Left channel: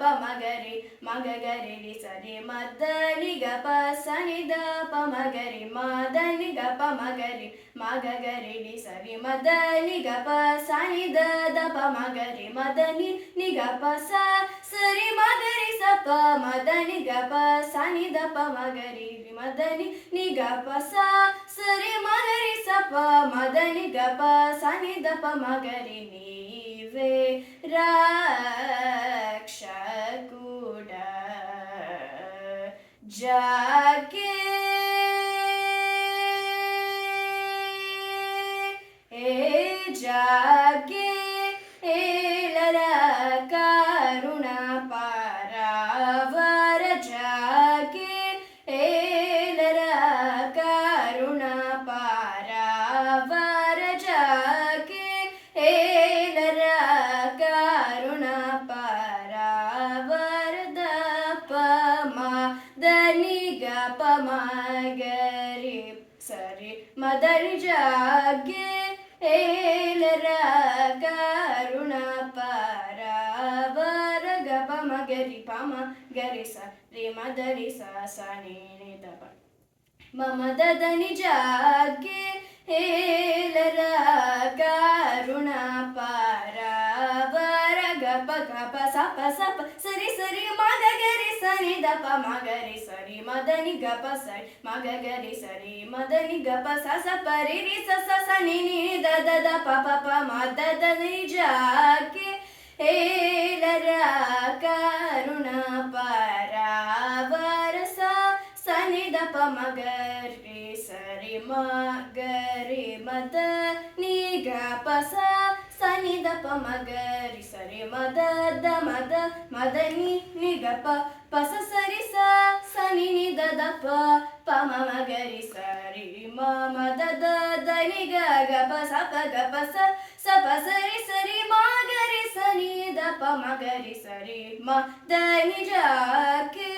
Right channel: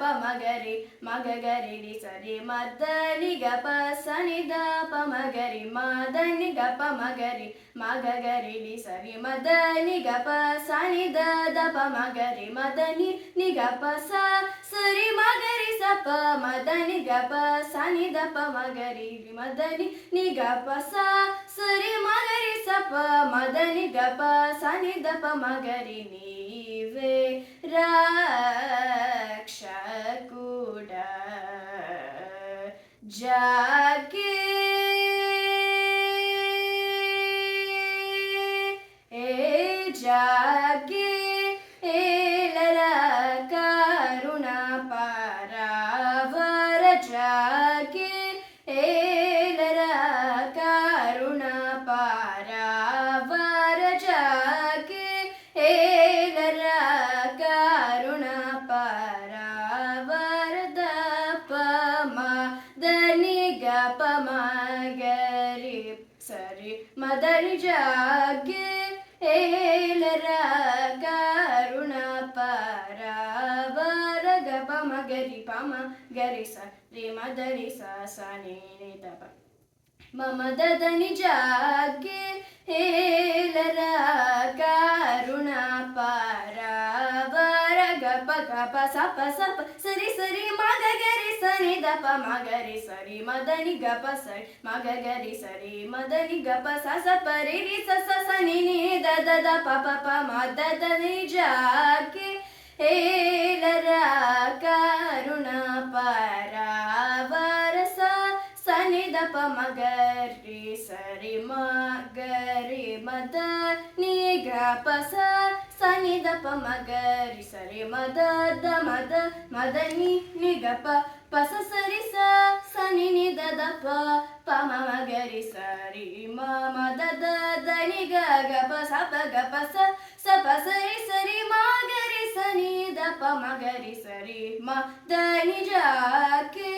ಪ ಮಗರಿ ಮಗರಿ ರಿ ಸರಿ ಮದ ನಿ ಗ ಪ ಸ ನಿ ದ ಪ ಮಗರಿ ಮದ ನಿ ಗ ಪ ಮಗರಿ ಮಗರಿ ರಿ ಸರಿ ಮದ ನಿ ಗ ಪ ಸ ನಿ ದ ದ ಪ ಮಗರಿ ಮದ ನಿ ಗ ಪ ಸ ಸರಿ ಮಗರಿ ಸ ಪ ಮದ ನಿ ಗ ಪ ಸ ನಿ ದ ಪ ಮಗರಿ ಮದ ನಿ ಗ ಪ ಸ ಸರಿ ಮಗರಿ ಸ ಪ ಮದ ನಿ ಗ ಪ ಸ ನಿ ದ ಪ ಮಗರಿ ನೀವೇ ರಕ್ಷಕುಡ ಜಾಗೆ ಜಾಗೆ ಏಳರ ಕರುಣ ಪರಾವರ ಜಾಗೆ ಏಳರ ಕರುಣ ಪರಾವರ ಜಾಗೆ ಏಳರ ಕರುಣ ಪರಾವರದ ಪಮ ದನಿ ಗ ಪ ಮಗರಿ ಸರಿ ಮದರಿ ಜಾಗೆ ಏಳರ ಕರುಣ ಪರಾವರ ಗ ಪ ಮಗರಿ ಪ ಮಗರಿ ಸ ರಿ ಮದರಿ ಸ ಸ ನಿ ನಿ ದ ಪ ಮಮ ದನಿ ಜಾಗೆ ಏಳರ ಕರುಣ ಪರಾವರ ಗ ಪ ಸ ಪ ಸರಿ ಸರಿ ಮಗರಿ ಸರಿ ದ ಪ ಮಗರಿ ಸರಿ ಮದನಿ ಗ ಪ ಸರಿ ಮಗರಿ ಸರಿ ಮದನಿ ಗ ಪ ಸ ಸ ಪರಿ ರಿ ಸ ಸ ಸ ನಿ ನಿ ದ ದ ದ ಪ ಪ ಪ ಮ ದ ದ ನಿ ಜಾಗೆ ಏಳರ ಕರುಣ ಪರಾವರ ಸ ಸನಿ ದ ಪ ಮಗರಿ ಸರಿ ಮಗರಿ ಮದ ನಿ ಗ ಪ ಸ ಸನಿ ದ ಪ ಮಗರಿ ಸರಿ ಮದ ದ ಮದನಿ ನಿ ಗ ಪ ಪ ಸ ಸರಿ ಸ ಸನಿ ನಿ ದ ದ ಪ ಪ ಮ ಮಗರಿ ಸರಿ ಮ ದ ದ ದ ನಿ ಗ ಗ ಪ ಸ ಪ ಗ ಪ ಸ ಸ ಪ ಸರಿ ಸರಿ ಮಗರಿ ಸನಿ ದ ಪ ಮಗರಿ ಸರಿ ಮ ದ ನಿ ಜಾಗೆ